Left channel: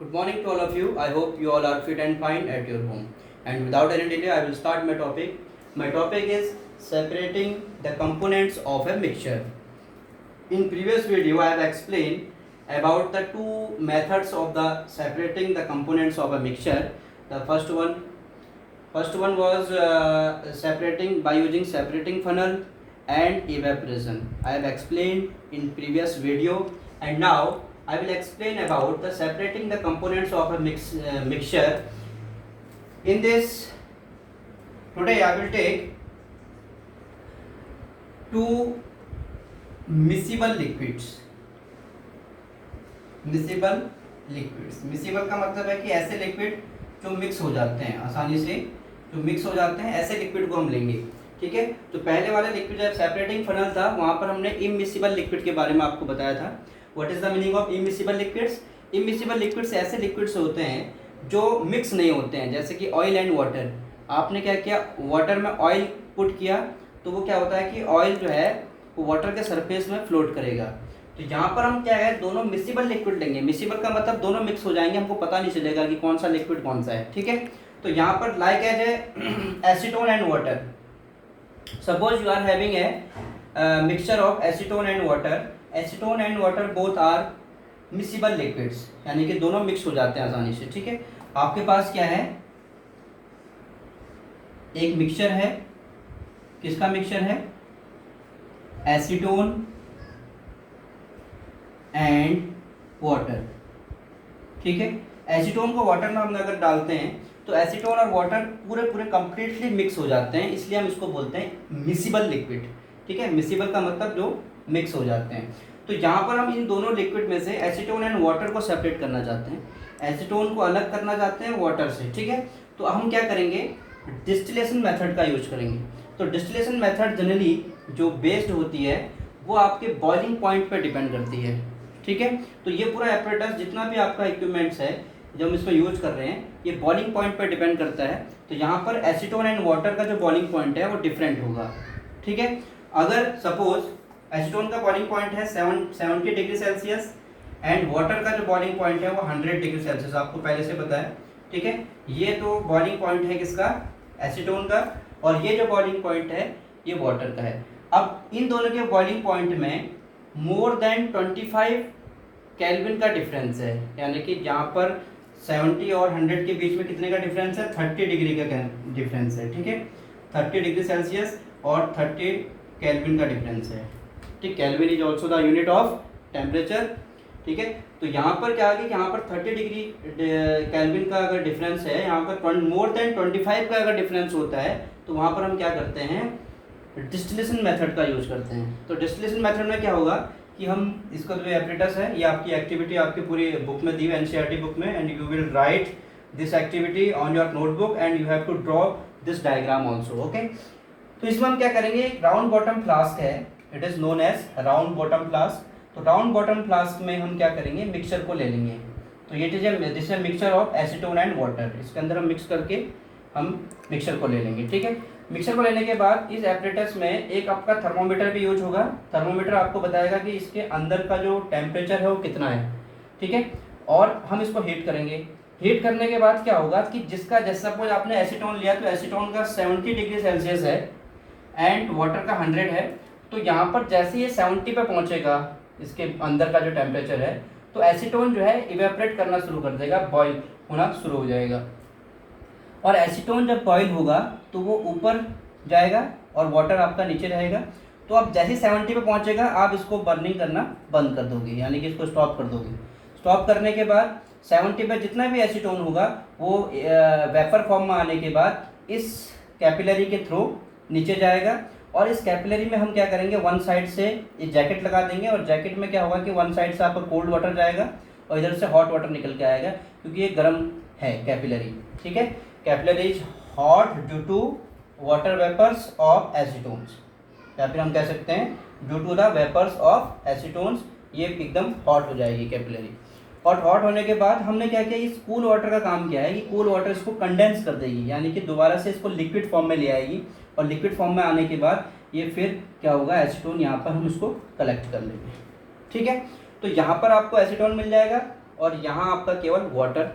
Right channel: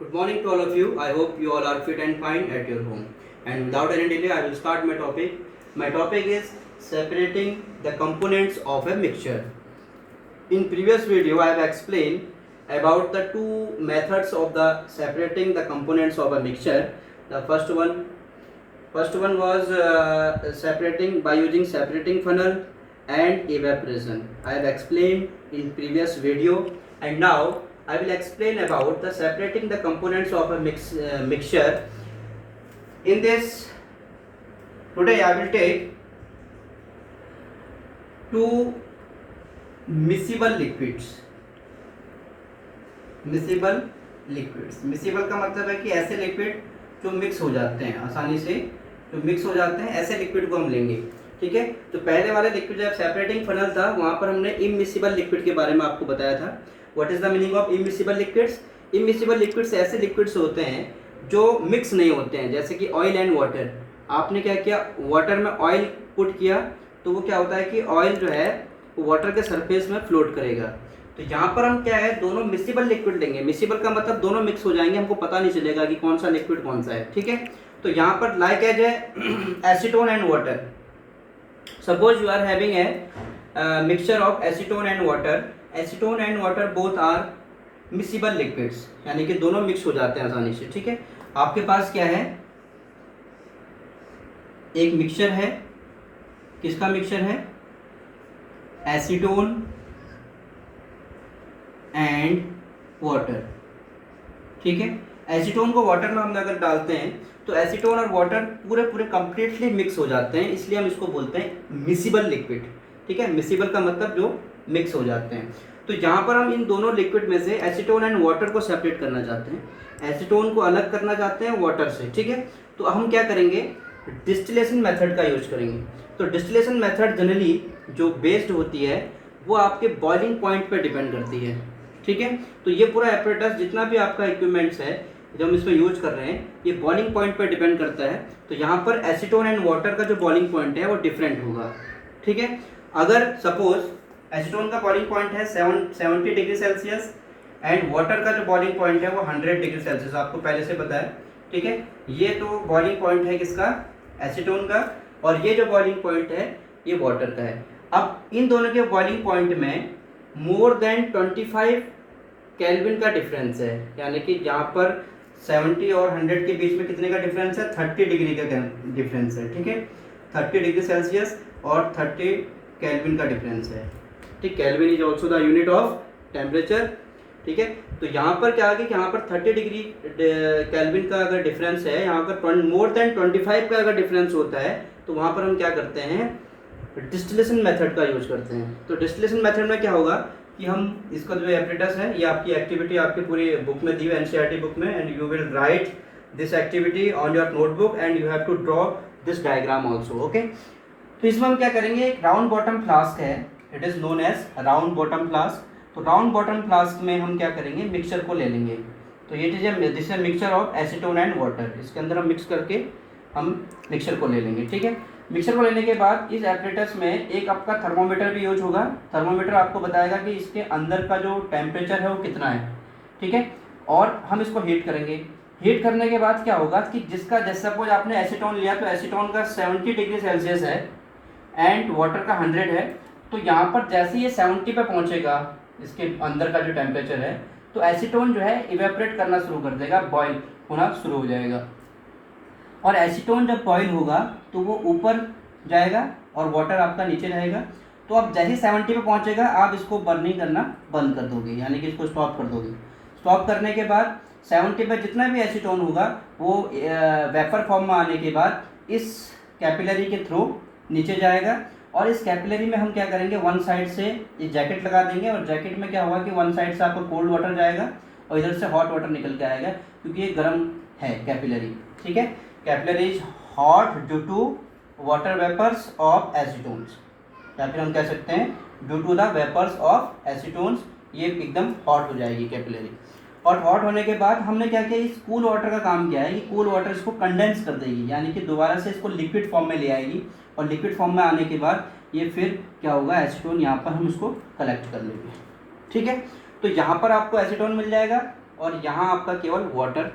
Good morning to all of you. I hope you all are fit and fine at your home. And without any delay, I will start my topic. My topic is separating the components of a mixture. In previous video, I have explained about the two methods of the separating the components of a mixture. The first one was separating by using separating funnel and evaporation. I have explained in previous video, and now I will explain about the separating the components of a mixture. In this, today I will take two miscible liquids. Miscible का मतलब है कि ऐसे liquid जो mix हो जाते हैं आसानी से, जो मिक्स हो जाते हैं ऐसे लिक्विड को हम लेंगे। ठीक है, तो पहले वाले लिक्विड जब सेपरेटिंग फनल था वहाँ पर हमने इमिसिबल लिक्विड के बारे में आपको बताया था। What is the meaning of immiscible liquids? Immiscible liquids ऐसे लिक्विड्स होते हैं जो मिक्स नहीं होते हैं, जैसे कि ऑयल एंड वाटर। आपने क्या किया, वाटर में ऑयल पुट किया तो वो क्या होता है कि ऑयल जो है वो वाटर के सरफेस में फ्लोट करेगा। तो यहाँ पर हम क्या है, दोनों मिसिबल लिक्विड लेंगे। मिसिबल का मतलब दोनों मिक्स हो जाएंगे, हमको पता नहीं चलेगा कि कौन सा लिक्विड कौन सा है। ठीक है, तो यहाँ पर like as a acetone and water. Suppose you are having a mixture of acetone and water. Acetone and water both are miscible liquids, यानी कि दोनों मिक्स हो जाते हैं आसानी से। ठीक है, आपके पास क्या है, एक मिक्सचर है। किसका मिक्सचर है? Acetone and water. ठीक है, एसीटोन को वाटर में हम अगर डालते हैं तो एसीटोन और वाटर पूरे कंप्लीटली मिक्स हो जाते हैं, इसलिए हम इसको बोलते हैं मिसिबल लिक्विड। ठीक है, मिसिबल का मतलब जो मिक्स हो जाते हैं। तो यहाँ पर हम इन दोनों लिक्विड में से एसीटोन एंड वाटर को सेपरेट करना चाहते हैं, एसीटोन को अलग करना चाहते हैं वाटर से। ठीक है, तो हम क्या करेंगे, डिस्टिलेशन मेथड का यूज करेंगे। तो डिस्टिलेशन मेथड जनरली जो बेस्ड होती है वो आपके बॉइलिंग पॉइंट पर डिपेंड करती है। ठीक है, तो ये पूरा एपरेटस जितना भी आपका इक्विपमेंट्स है जो हम इसमें यूज कर रहे हैं, ये बॉइलिंग पॉइंट पर डिपेंड करता है। तो यहाँ पर एसीटोन एंड वाटर का जो बॉइलिंग पॉइंट है वो डिफरेंट होगा। ठीक है, अगर सपोज एसीटोन का बॉइलिंग पॉइंट है 70 डिग्री सेल्सियस एंड वाटर का जो बॉइलिंग पॉइंट है वो 100 डिग्री सेल्सियस, आपको पहले से पता है। ठीक है, ये तो बॉइलिंग पॉइंट है किसका, एसीटोन का, और ये जो बॉइलिंग पॉइंट है ये वाटर का है। अब इन दोनों के बॉइलिंग पॉइंट में मोर देन 25 केल्विन का डिफरेंस है, यानी कि जहाँ पर 70 और 100 के बीच में कितने का डिफरेंस है, 30 डिग्री का डिफरेंस है। ठीक है, 30 डिग्री सेल्सियस और 30 केल्विन का डिफरेंस है। ठीक, kelvin is also the unit of temperature. ठीक है, तो यहाँ पर क्या है कि यहाँ पर 30 डिग्री केल्विन का अगर डिफरेंस है, यहाँ पर मोर देन 25 का अगर डिफरेंस होता है तो वहाँ पर हम क्या करते हैं, डिस्टिलेशन मेथड का यूज करते हैं। तो डिस्टिलेशन मेथड में क्या होगा कि हम इसका जो एपरेटस है, ये आपकी एक्टिविटी आपकी पूरी बुक में दी है, एनसीईआरटी बुक में, and you will write this activity on your notebook and you have to draw this diagram also. Okay, तो इसमें हम क्या करेंगे, राउंड बॉटम फ्लास्क है, it is known as round bottom flask. तो राउंड बॉटम फ्लास्क में हम क्या करेंगे, मिक्सचर को ले लेंगे। तो ये दिस है mixture of acetone and water, इसके अंदर हम मिक्स करके हम मिक्सचर को ले लेंगे। ठीक है, मिक्सर को लेने के बाद इस एपरेटस में एक आपका थर्मोमीटर भी यूज होगा। थर्मोमीटर आपको बताएगा कि इसके अंदर का जो टेम्परेचर है वो कितना है। ठीक है, और हम इसको हीट करेंगे। हीट करने के बाद क्या होगा कि जिसका, जैसे सपोज आपने एसीटोन लिया तो एसीटोन का 70 डिग्री सेल्सियस है एंड वाटर का 100 है। तो यहाँ पर जैसे ये 70 पे पहुँचेगा, इसके अंदर का जो टेम्परेचर है, तो एसीटोन जो है इवेपरेट करना शुरू कर देगा, बॉयल होना शुरू हो जाएगा। और एसीटोन जब बॉयल होगा तो वो ऊपर जाएगा और वाटर आपका नीचे रहेगा। तो आप जैसे 70 पे पहुंचेगा आप इसको बर्निंग करना बंद कर दोगे, यानी कि इसको स्टॉप कर दोगे। स्टॉप करने के बाद 70 पे जितना भी एसीटोन होगा वो वेपर फॉर्म में आने के बाद इस कैपिलरी के थ्रू नीचे जाएगा। और इस कैपिलरी में हम क्या करेंगे, वन साइड से ये जैकेट लगा देंगे, और जैकेट में क्या होगा कि वन साइड से आपको कोल्ड वाटर जाएगा और इधर से हॉट वाटर निकल के आएगा, क्योंकि ये गर्म है कैपिलरी। ठीक है, capillary is hot due to water vapours of acetones, या फिर हम कह सकते हैं due to the vapours of acetones, ये एकदम हॉट हो जाएगी कैपिलरी। और हॉट होने के बाद हमने क्या किया, इस कूल वाटर का काम क्या है कि कूल वाटर इसको कंडेंस कर देगी, यानी कि दोबारा से इसको लिक्विड फॉर्म में ले आएगी। और लिक्विड फॉर्म में आने के बाद ये फिर क्या होगा, एसीटोन यहाँ पर हम इसको कलेक्ट कर लेंगे। ठीक है, तो यहाँ पर आपको एसीटोन मिल जाएगा और यहाँ आपका केवल वाटर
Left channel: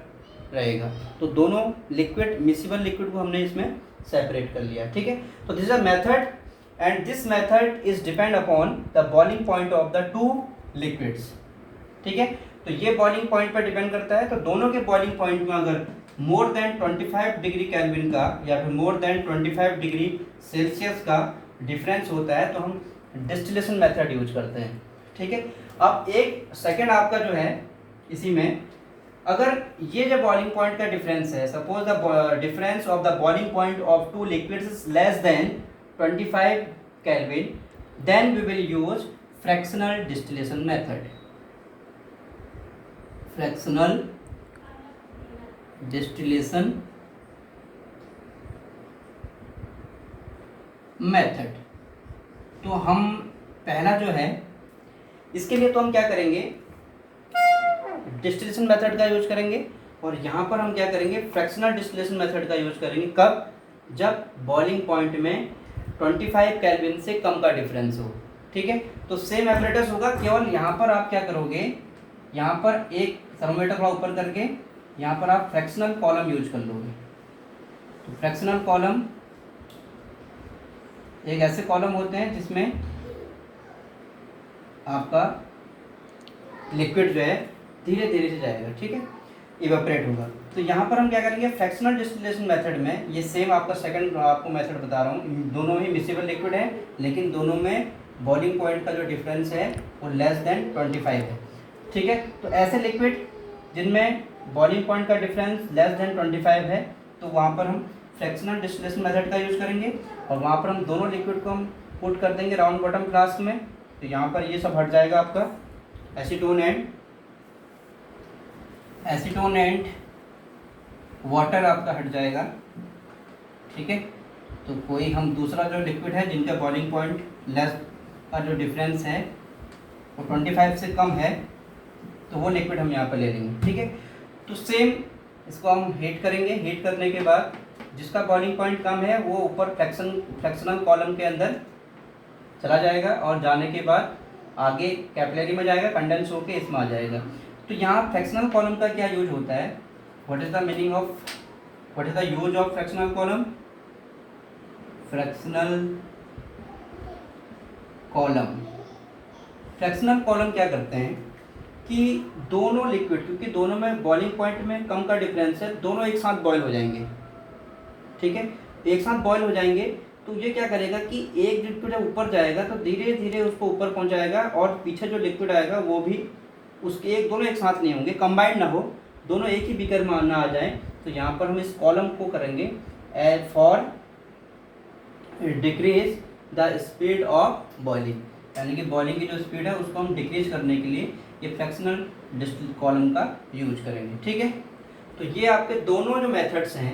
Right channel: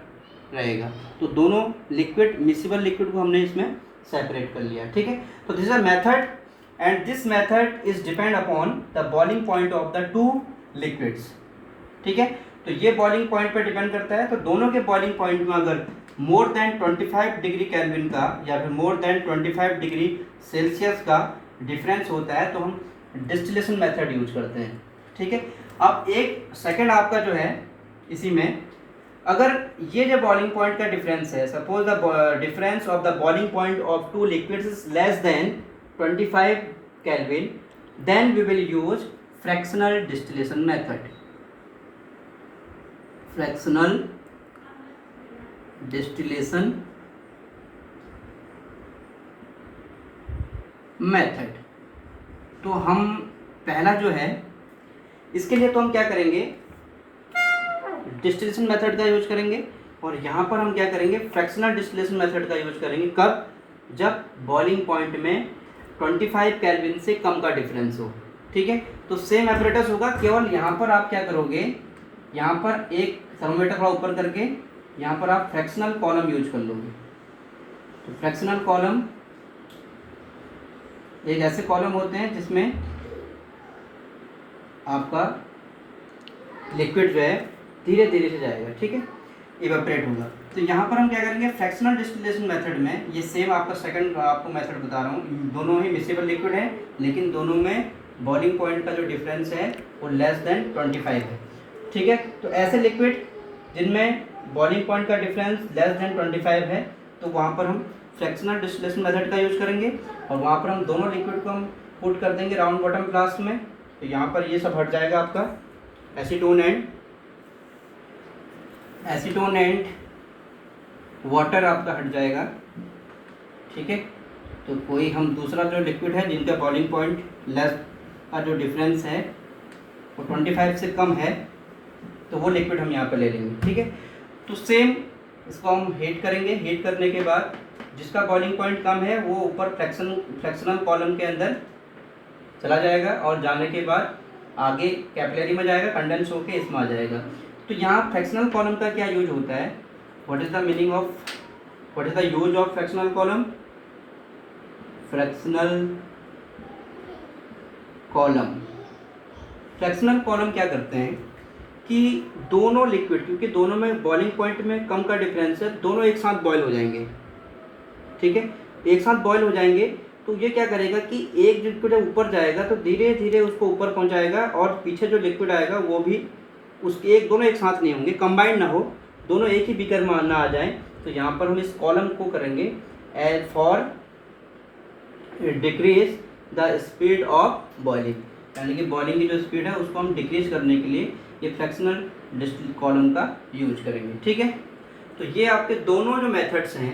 रहेगा। तो दोनों लिक्विड मिसिबल लिक्विड को हमने इसमें सेपरेट कर लिया, ठीक है। तो this is a method and this method is depend upon the boiling point of the two liquids, ठीक है। तो ये बॉइलिंग पॉइंट पर डिपेंड करता है। तो दोनों के बॉइलिंग पॉइंट में अगर मोर देन 25 डिग्री केल्विन का या फिर मोर देन 25 डिग्री सेल्सियस का डिफरेंस होता है तो हम डिस्टिलेशन मेथड यूज करते हैं, ठीक है। अब एक सेकंड आपका जो है इसी में, अगर ये जो बॉइलिंग पॉइंट का डिफरेंस है, suppose the difference of the boiling point of two liquids is less than 25 kelvin, then we will use fractional distillation method. Fractional distillation method. तो हम पहला जो है इसके लिए तो हम क्या करेंगे, डिस्टिलेशन मेथड का यूज करेंगे और यहाँ पर हम क्या करेंगे, फ्रैक्शनल डिस्टिलेशन मेथड का यूज करेंगे। कब? जब बॉइलिंग पॉइंट में 25 केल्विन से कम का डिफरेंस हो, ठीक है। तो सेम एपरेटस होगा, केवल यहाँ पर आप क्या करोगे, यहाँ पर एक थर्मोमीटर का ऊपर करके यहाँ पर आप फ्रैक्शनल कॉलम यूज कर लोगे। तो फ्रैक्शनल कॉलम एक ऐसे कॉलम होते हैं जिसमें आपका लिक्विड जो है धीरे धीरे से जाएगा, ठीक है, इवेपोरेट होगा। तो यहाँ पर हम क्या करेंगे, फ्रैक्शनल डिस्टिलेशन मेथड में, ये सेम आपका सेकंड आपको मेथड बता रहा हूँ, दोनों ही मिसिबल लिक्विड है लेकिन दोनों में बॉइलिंग पॉइंट का जो डिफरेंस है वो लेस देन 25 है, ठीक है। तो ऐसे लिक्विड जिनमें बॉइलिंग पॉइंट का डिफरेंस लेस देन 25 है तो वहाँ पर हम फ्रैक्शनल डिस्टिलेशन मेथड का यूज़ करेंगे और वहाँ पर हम दोनों लिक्विड को हम पुट कर देंगे राउंड बॉटम फ्लास्क में। तो यहाँ पर ये सब हट जाएगा आपका एसीटोन एंड वाटर आपका हट जाएगा, ठीक है। तो कोई हम दूसरा जो लिक्विड है जिनका बॉइलिंग पॉइंट लेस का जो डिफरेंस है वो 25 से कम है तो वो लिक्विड हम यहाँ पर ले लेंगे, ठीक है। तो सेम इसको हम हीट करेंगे, हीट करने के बाद जिसका बॉइलिंग पॉइंट कम है वो ऊपर फ्रैक्शनल कॉलम के अंदर चला जाएगा और जाने के बाद आगे कैपिलरी में जाएगा, कंडेंस होके इसमें आ जाएगा। तो यहाँ फ्रैक्शनल कॉलम का क्या यूज होता है, what is the use of fractional column. Fractional column क्या करते हैं कि दोनों लिक्विड, क्योंकि दोनों में बॉइलिंग पॉइंट में कम का डिफरेंस है, दोनों एक साथ बॉयल हो जाएंगे, ठीक है, एक साथ बॉयल हो जाएंगे। तो ये क्या करेगा कि एक लिक्विड ऊपर जाएगा तो धीरे धीरे उसको ऊपर पहुंचाएगा और पीछे जो लिक्विड आएगा वो भी उसके दोनों एक साथ नहीं होंगे, कंबाइंड ना हो, दोनों एक ही बीकर में ना आ जाए। तो यहाँ पर हम इस कॉलम को करेंगे as for decrease the speed of boiling, यानी कि बॉइलिंग की जो स्पीड है उसको हम डिक्रीज करने के लिए ये फ्रैक्शनल डिस्टिल कॉलम का यूज करेंगे, ठीक है। तो ये आपके दोनों जो मेथड्स हैं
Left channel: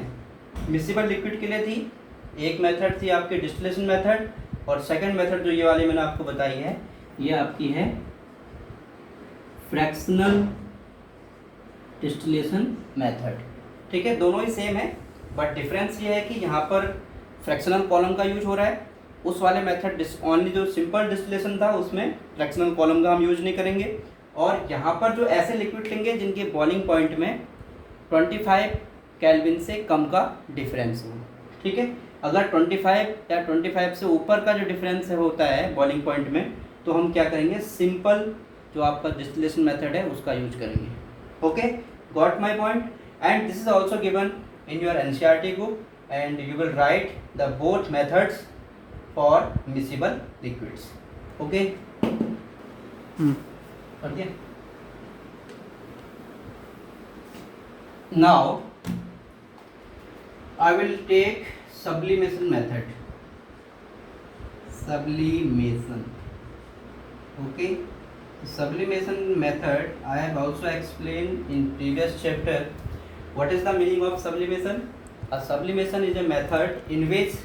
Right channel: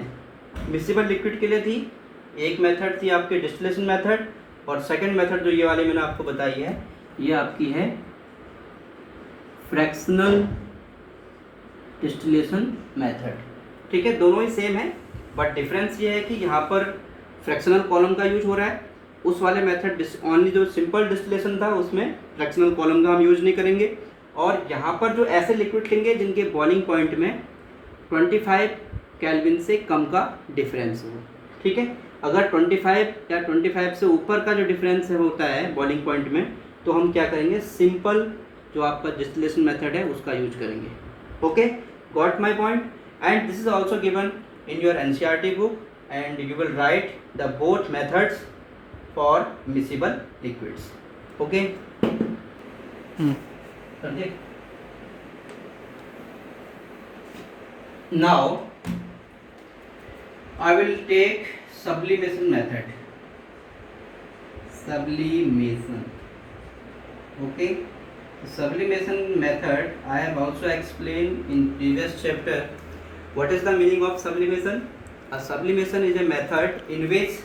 मिसिबल लिक्विड के लिए थी, एक मेथड थी आपकी डिस्टिलेशन मेथड और सेकंड मेथड जो ये वाली मैंने आपको बताई है ये आपकी है फ्रैक्शनल डिस्टिलेशन मेथड, ठीक है। दोनों ही सेम है बट डिफरेंस ये है कि यहाँ पर फ्रैक्शनल कॉलम का यूज हो रहा है, उस वाले मेथड ओनली जो सिंपल डिस्टिलेशन था उसमें फ्रैक्शनल कॉलम का हम यूज नहीं करेंगे। और यहाँ पर जो ऐसे लिक्विड लेंगे जिनके बॉइलिंग पॉइंट में 25 केल्विन से कम का डिफरेंस हो, ठीक है। अगर 25 या 25 से ऊपर का जो डिफरेंस होता है बॉइलिंग पॉइंट में तो हम क्या करेंगे, सिंपल जो आपका डिस्टिलेशन मेथड है उसका यूज करेंगे। Okay, got my point. And this is also given in your NCERT book and you will write the both methods for miscible liquids. Okay, समझिए। Now I will take sublimation method. Sublimation. Okay. Sublimation method I have also explained in previous chapter. What is the meaning of sublimation? A sublimation is a method in which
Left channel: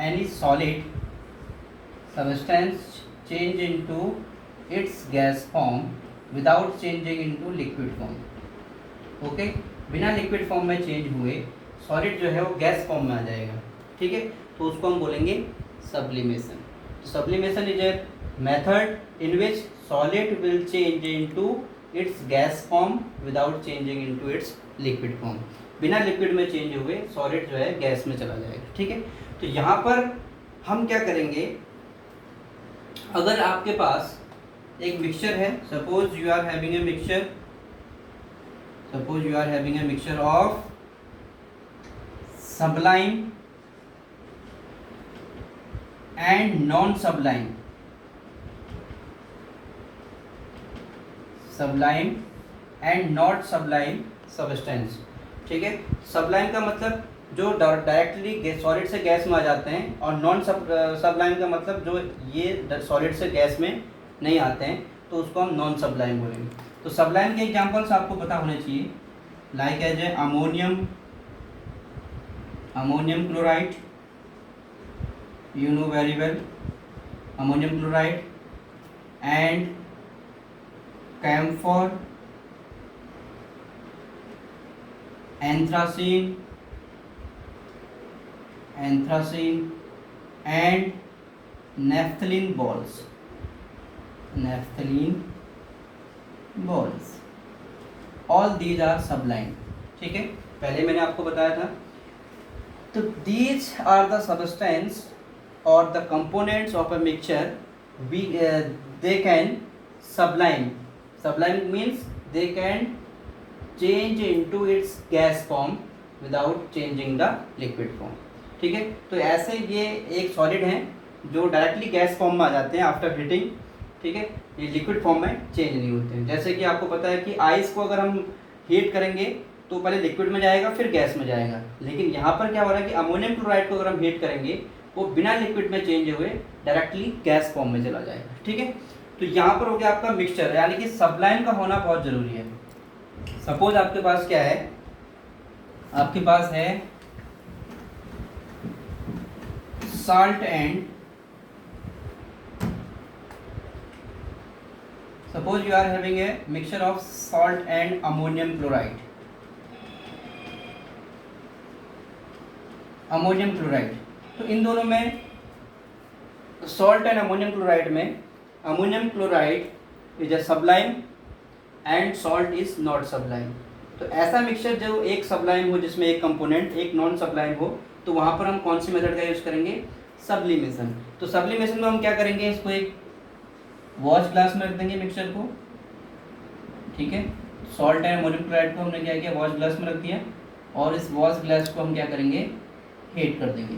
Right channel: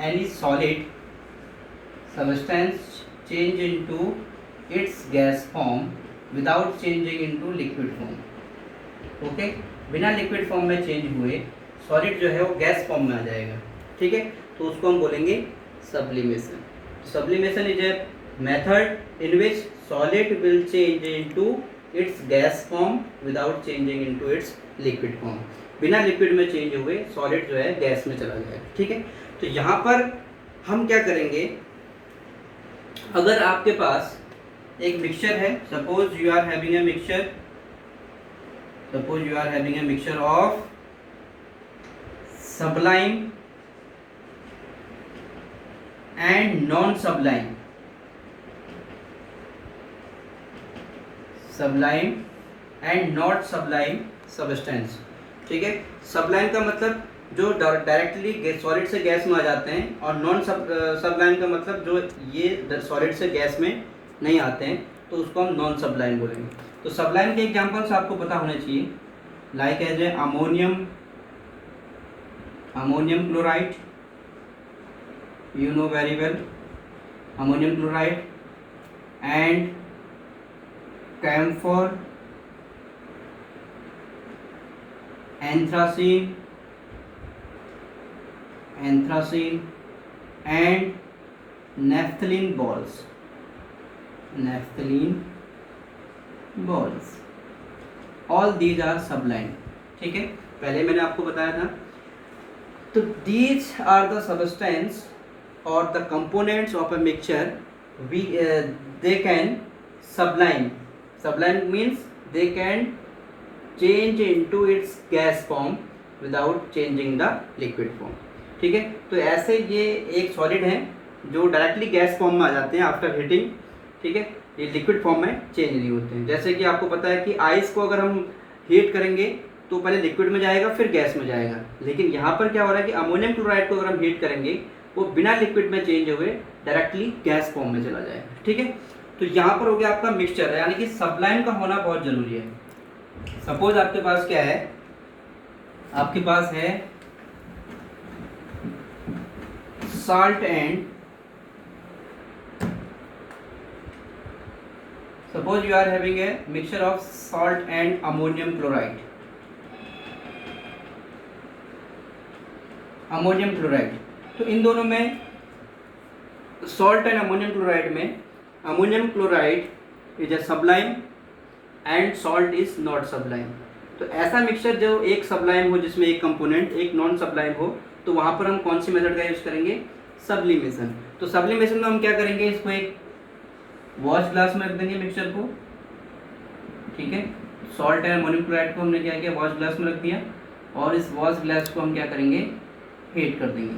any solid substance change into its gas form without changing into liquid form. Okay. बिना liquid form में change हुए solid जो है वो gas form में आ जाएगा, ठीक है। तो उसको हम बोलेंगे sublimation. Sublimation is a method in which solid will change into its gas form without changing into its liquid form. बिना लिक्विड में चेंज हुए सॉलिड जो है गैस में चला जाएगा, ठीक है। तो यहाँ पर हम क्या करेंगे, अगर आपके पास एक मिक्सचर है, suppose you are having a mixture of sublime and non-sublime, sublime and not sublime substance, ठीक है। sublime का मतलब जो डायरेक्टली सॉलिड से गैस में आ जाते हैं, और नॉन सबलाइम का मतलब जो ये सॉलिड से गैस में नहीं आते हैं, तो उसको हम नॉन सबलाइम बोलेंगे। तो सबलाइम के एग्जांपल्स आपको पता होने चाहिए, like as a ammonium chloride, you know very well, ammonium chloride and camphor, anthracene and naphthalene balls, all these are sublime, ठीक है। पहले मैंने आपको बताया था। तो these are the substance or the components of a mixture they can sublime means they can change into its gas form without changing the liquid form, ठीक है। तो ऐसे ये एक सॉलिड हैं जो डायरेक्टली गैस फॉर्म में आ जाते हैं आफ्टर हीटिंग, ठीक है। ये लिक्विड फॉर्म में चेंज नहीं होते हैं। जैसे कि आपको पता है कि आइस को अगर हम हीट करेंगे तो पहले लिक्विड में जाएगा फिर गैस में जाएगा, लेकिन यहाँ पर क्या हो रहा है कि अमोनियम क्लोराइड को अगर हम हीट करेंगे वो बिना लिक्विड में चेंज हुए डायरेक्टली गैस फॉर्म में चला जाएगा, ठीक है। तो यहाँ पर हो गया आपका मिक्सचर, यानी कि सबलाइम का होना बहुत जरूरी है। सपोज आपके पास क्या है, आपके पास है salt and suppose you are having a mixture of salt and ammonium chloride, तो इन दोनों में salt and ammonium chloride में ammonium chloride is a sublime and salt is not sublime। तो ऐसा मिक्सचर जो एक सब्लाइम हो जिसमें एक कंपोनेंट एक नॉन सब्लाइम हो, तो वहाँ पर हम कौन सी मेथड का यूज़ करेंगे, सब्लिमेशन। तो सब्लिमेशन में हम क्या करेंगे, इसको एक वॉश ग्लास में रख देंगे मिक्सचर को, ठीक है। सॉल्ट एंड अमोनियम क्लोराइड को हमने क्या किया, वॉश ग्लास में रख दिया, और इस वॉश ग्लास को हम क्या करेंगे, हीट कर देंगे,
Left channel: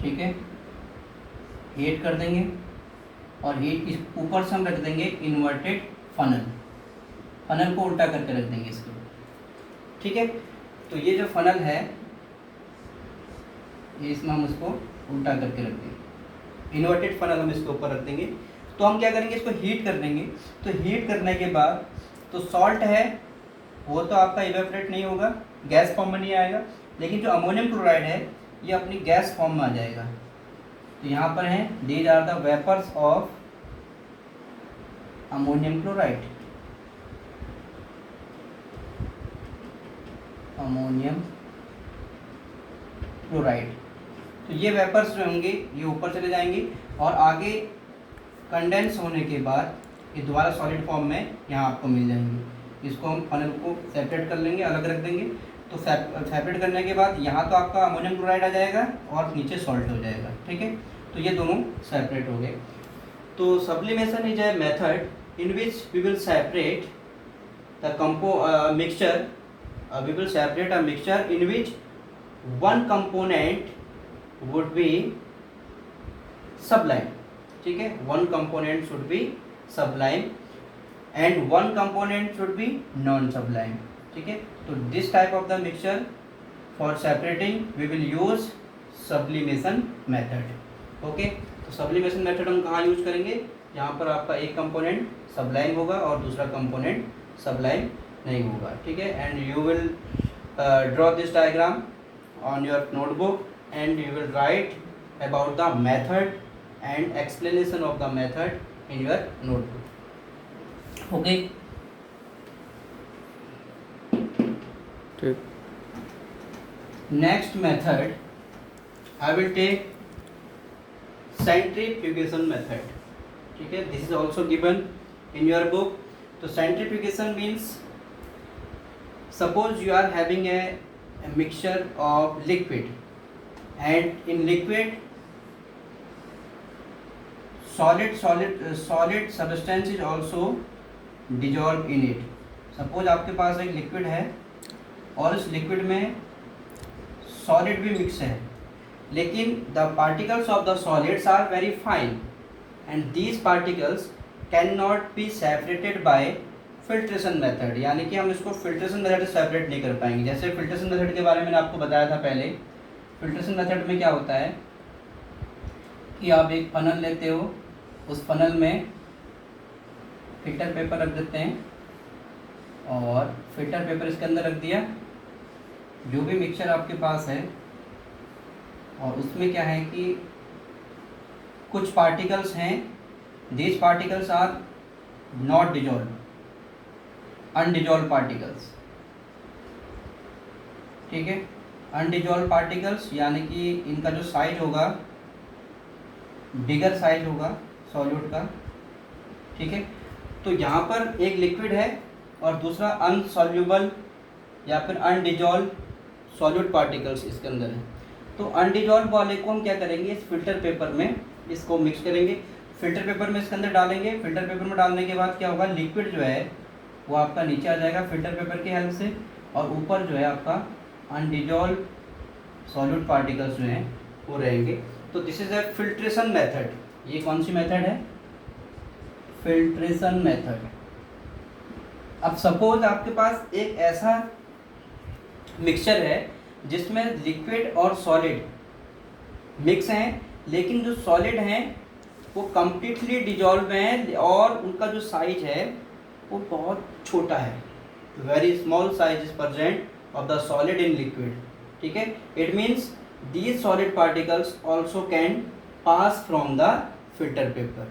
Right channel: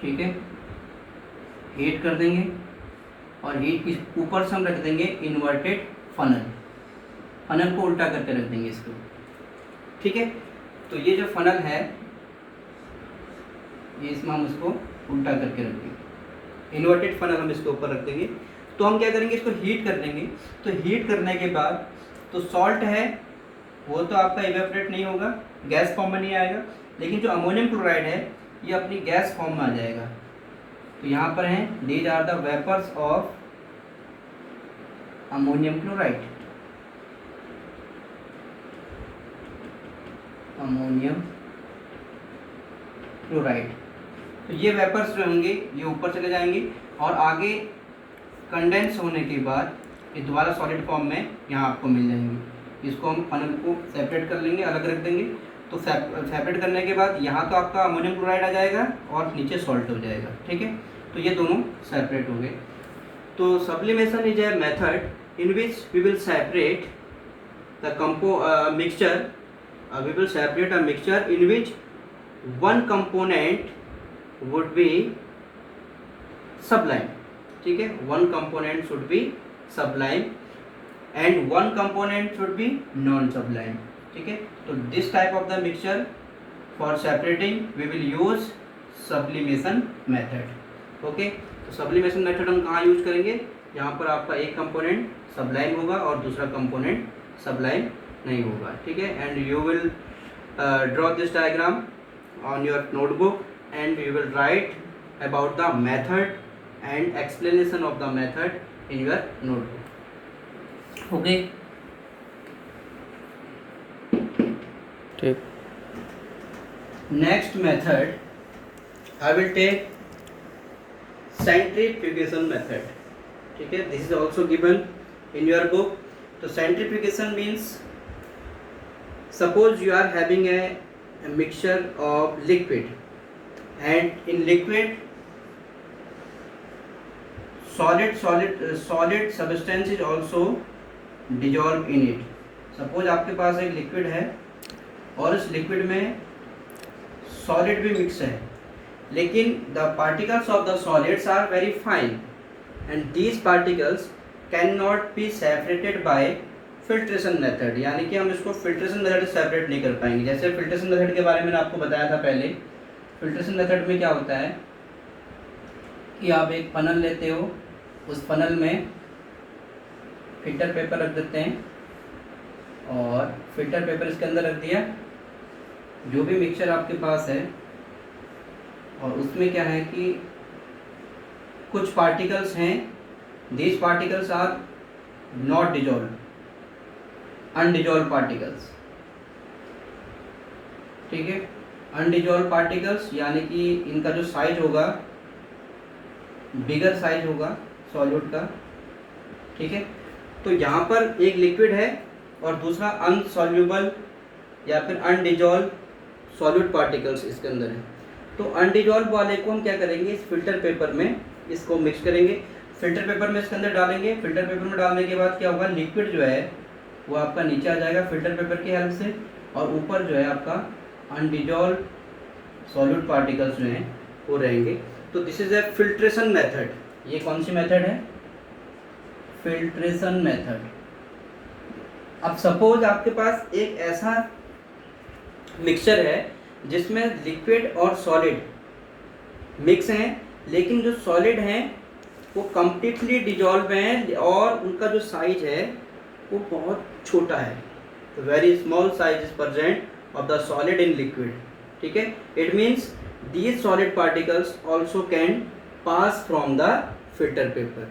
ठीक है। हीट कर देंगे और हीट के ऊपर से हम रख देंगे इन्वर्टेड फनल को उल्टा करके रख देंगे इसको, ठीक है। तो ये जो फनल है ये इसमें हम इसको उल्टा करके रख देंगे, इन्वर्टेड फनल हम इसके ऊपर रख देंगे। तो हम क्या करेंगे, इसको हीट कर देंगे। तो हीट करने के बाद तो सॉल्ट है वो तो आपका इवेपोरेट नहीं होगा, गैस फॉर्म में नहीं आएगा, लेकिन जो अमोनियम क्लोराइड है ये अपनी गैस फॉर्म में आ जाएगा। तो यहाँ पर हैं these are the vapours of ammonium chloride, तो ये वेपर्स जो होंगे ये ऊपर चले जाएंगे और आगे कंडेंस होने के बाद ये दोबारा सॉलिड फॉर्म में यहाँ आपको मिल जाएंगे। इसको हम फनल को सेपरेट कर लेंगे, अलग रख देंगे। तो सेपरेट करने के बाद यहाँ तो आपका अमोनियम क्लोराइड आ जाएगा और नीचे सॉल्ट हो जाएगा, ठीक है। तो ये दोनों सेपरेट हो गए। तो sublimation is a method in which we will separate the mixture, we will separate a mixture in which one component would be sublime, ठीक है। one component should be sublime and one component should be non sublime, ठीक है। तो this type of the mixture for separating we will use sublimation method, okay। तो sublimation method हम कहाँ use करेंगे, जहाँ पर आपका एक कंपोनेंट sublime होगा और दूसरा कंपोनेंट sublime नहीं होगा, ठीक है। And you will draw this diagram on your notebook and you will write about the method and explanation of the method in your notebook, okay. ठीक। Next method I will take centrifugation method. ठीक है, this is also given in your book. तो centrifugation means suppose you are having a mixture of liquid, and in liquid solid substance is also dissolved in it। suppose आपके पास एक liquid है और इस liquid में solid भी mix है, लेकिन the particles of the solids are very fine and these particles can not be separated by filtration method, यानी कि हम इसको फिल्ट्रेशन मेथड से सेपरेट नहीं कर पाएंगे। जैसे फिल्ट्रेशन मेथड के बारे में आपको बताया था पहले। फिल्ट्रेशन मेथड में क्या होता है कि आप एक फनल लेते हो, उस फनल में फिल्टर पेपर रख देते हैं और फिल्टर पेपर इसके अंदर रख दिया, जो भी मिक्सचर आपके पास है, और उसमें क्या है कि कुछ पार्टिकल्स हैं, these particles are not dissolve, undissolve particles, ठीक है। अनडिजॉल्व पार्टिकल्स यानी कि इनका जो साइज होगा बिगर साइज होगा सॉल्यूट का, ठीक है। तो यहाँ पर एक लिक्विड है और दूसरा अनसॉल्यूबल या फिर अनडिजॉल्व सॉल्यूट पार्टिकल्स इसके अंदर है। तो अनडिजॉल्व वाले को हम क्या करेंगे, इस फिल्टर पेपर में इसको मिक्स करेंगे, फिल्टर पेपर में इसके अंदर डालेंगे। फिल्टर पेपर में डालने के बाद क्या होगा, लिक्विड जो है वो आपका नीचे आ जाएगा फिल्टर पेपर की हेल्प से, और ऊपर जो है आपका अनडिजॉल्व सॉल्यूट पार्टिकल्स जो हैं वो रहेंगे। तो this is a filtration method. ये कौन सी मेथड है, फिल्ट्रेशन मेथड। अब सपोज आपके पास एक ऐसा मिक्सचर है जिसमें लिक्विड और सॉलिड मिक्स हैं, लेकिन जो सॉलिड हैं वो कंप्लीटली डिजॉल्व हैं और उनका जो साइज है वो बहुत छोटा है। Very small size is present of the solid in liquid, ठीक है। It means these solid particles also can pass from the filter paper,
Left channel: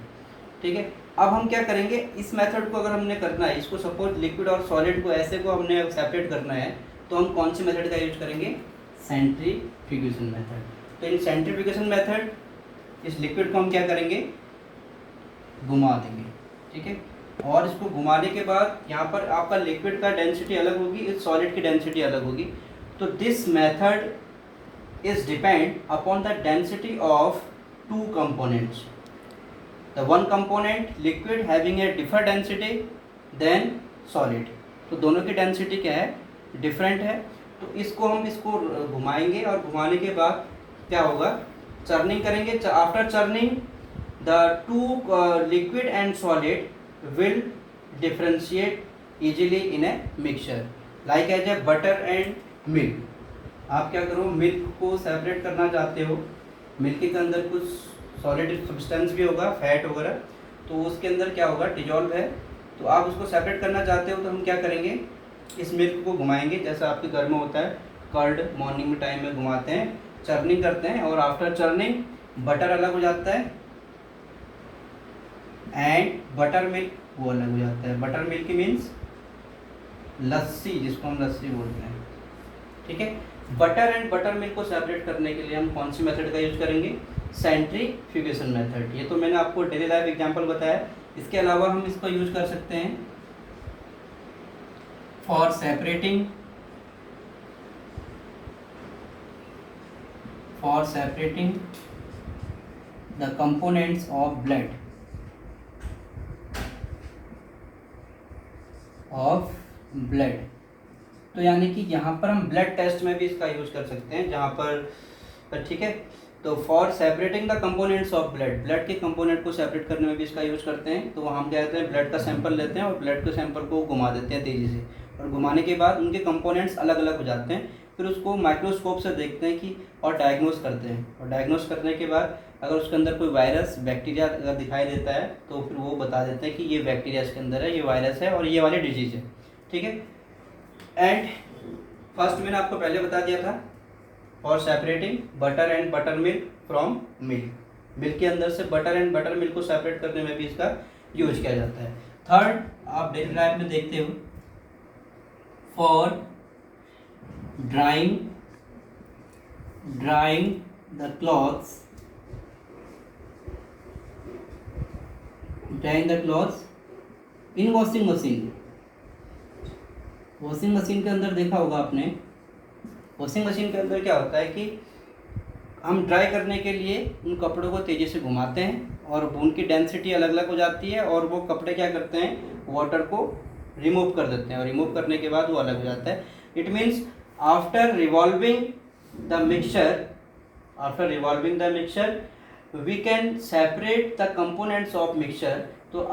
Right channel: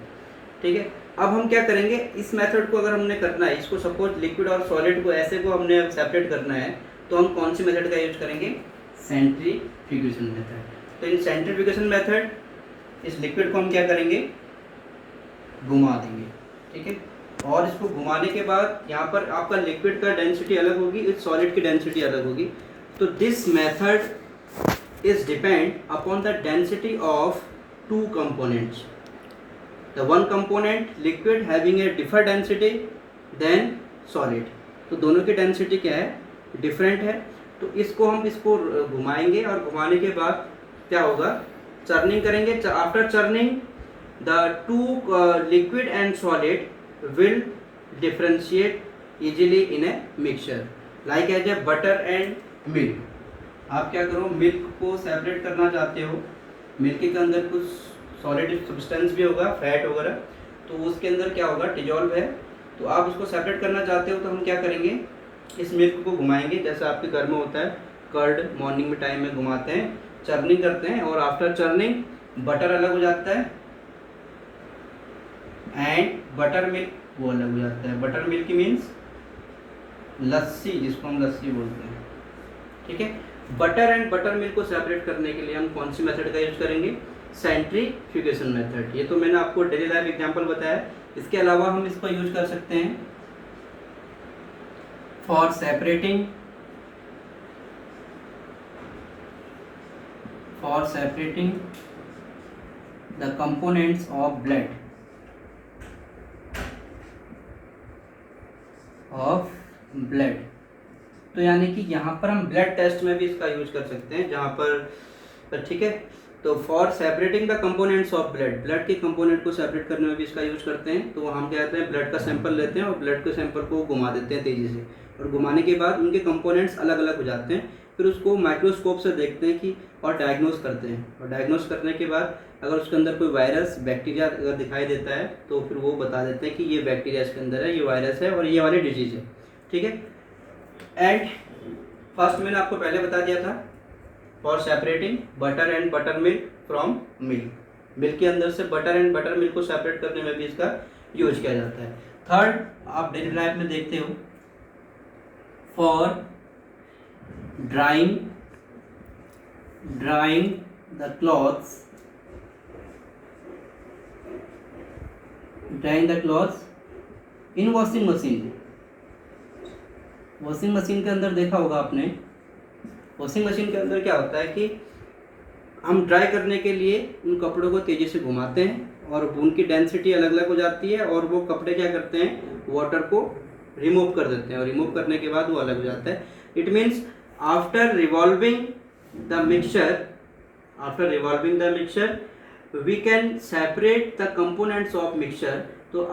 ठीक है। अब हम क्या करेंगे, इस मेथड को अगर हमने करना है, इसको सपोज लिक्विड और सॉलिड को ऐसे को हमने सेपरेट करना है, तो हम कौन सी मेथड का यूज करेंगे, सेंट्रीफ्यूगेशन मेथड। तो इन सेंट्रीफ्यूगेशन मेथड इस लिक्विड को हम क्या करेंगे, घुमा देंगे, ठीक है। और इसको घुमाने के बाद यहाँ पर आपका लिक्विड का डेंसिटी अलग होगी, इस सॉलिड की डेंसिटी अलग होगी। तो this method is depend upon the density of two components. The one component liquid having a differ density than solid. तो दोनों की डेंसिटी क्या है, डिफरेंट है। तो इसको हम इसको घुमाएंगे और घुमाने के बाद क्या होगा, चर्निंग करेंगे। After churning the two liquid and solid will differentiate easily in a mixture like as a butter and milk। आप क्या करो, मिल्क को सेपरेट करना चाहते हो, मिल्क के अंदर कुछ सॉलिड सब्सटेंस भी होगा, फैट वगैरह, तो उसके अंदर क्या होगा, डिजॉल्व है। तो आप उसको सेपरेट करना चाहते हो, तो हम क्या करेंगे, इस मिल्क को घुमाएंगे, जैसा आपके घर में होता है कर्ड, मॉर्निंग में टाइम में घुमाते हैं, चर्निंग करते हैं, और आफ्टर चर्निंग बटर अलग हो जाता है एंड बटर मिल्क वो अलग हो जाता है। बटर मिल्क मीन्स लस्सी, जिसको हम लस्सी बोलते हैं, ठीक है। बटर एंड बटर मिल्क को सेपरेट करने के लिए हम कौन सी मेथड का यूज करेंगे, सेंट्रीफ्यूगेशन मेथड। ये तो मैंने आपको डेली लाइफ एग्जांपल बताया। इसके अलावा हम इसको यूज कर सकते हैं for separating the components of blood तो यानी कि यहाँ पर हम ब्लड टेस्ट में भी इसका यूज कर सकते हैं, जहाँ पर, ठीक है। तो for separating the components of blood के कंपोनेंट को सेपरेट करने में भी इसका यूज करते हैं। तो हम क्या करते हैं, ब्लड का सैंपल लेते हैं और ब्लड के सैंपल को घुमा देते हैं तेज़ी से, और घुमाने के बाद उनके कंपोनेंट्स अलग अलग हो जाते हैं। फिर उसको माइक्रोस्कोप से देखते हैं कि, और डायग्नोस करते हैं, और डायग्नोस करने के बाद अगर उसके अंदर कोई वायरस बैक्टीरिया अगर दिखाई देता है, तो फिर वो बता देते हैं कि ये बैक्टीरिया इसके अंदर है, ये वायरस है, और ये वाली डिजीज है, ठीक है। एंड फर्स्ट मैंने आपको पहले बता दिया था, for separating butter and butter milk from milk, milk के अंदर से बटर एंड बटर मिल्क को सेपरेट करने में भी इसका यूज किया जाता है। थर्ड, आप डेली लाइफ में देखते हो, for drawing the clothes drawing the clothes in washing machine. Washing machine के अंदर देखा होगा आपने, वॉशिंग मशीन के अंदर क्या होता है कि हम ड्राई करने के लिए उन कपड़ों को तेज़ी से घुमाते हैं और उनकी डेंसिटी अलग अलग हो जाती है और वो कपड़े क्या करते हैं, वाटर को रिमूव कर देते हैं और रिमूव करने के बाद वो अलग हो जाता है। It means after revolving the mixture we can separate the components of mixture. तो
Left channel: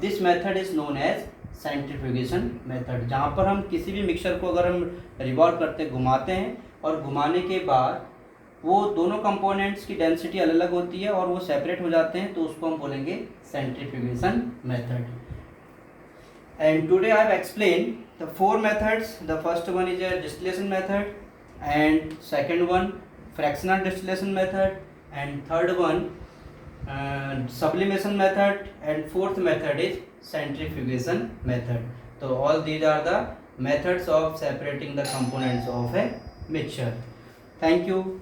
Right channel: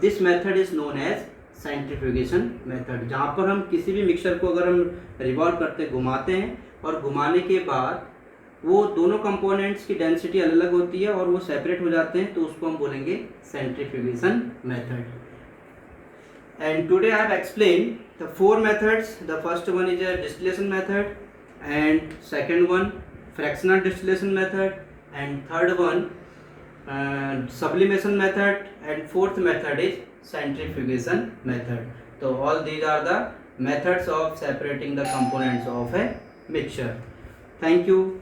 this method is known as centrifugation method, जहाँ पर हम किसी भी मिक्सचर को अगर हम रिवॉल्व करते घुमाते हैं और घुमाने के बाद वो दोनों कंपोनेंट्स की डेंसिटी अलग अलग होती है और वो सेपरेट हो जाते हैं, तो उसको हम बोलेंगे centrifugation method. And today I have explain the 4 methods. The first one is a distillation method, and second one fractional distillation method, and third one sublimation method, and fourth method is centrifugation method. So all these are the methods of separating the components of a mixture. Thank you.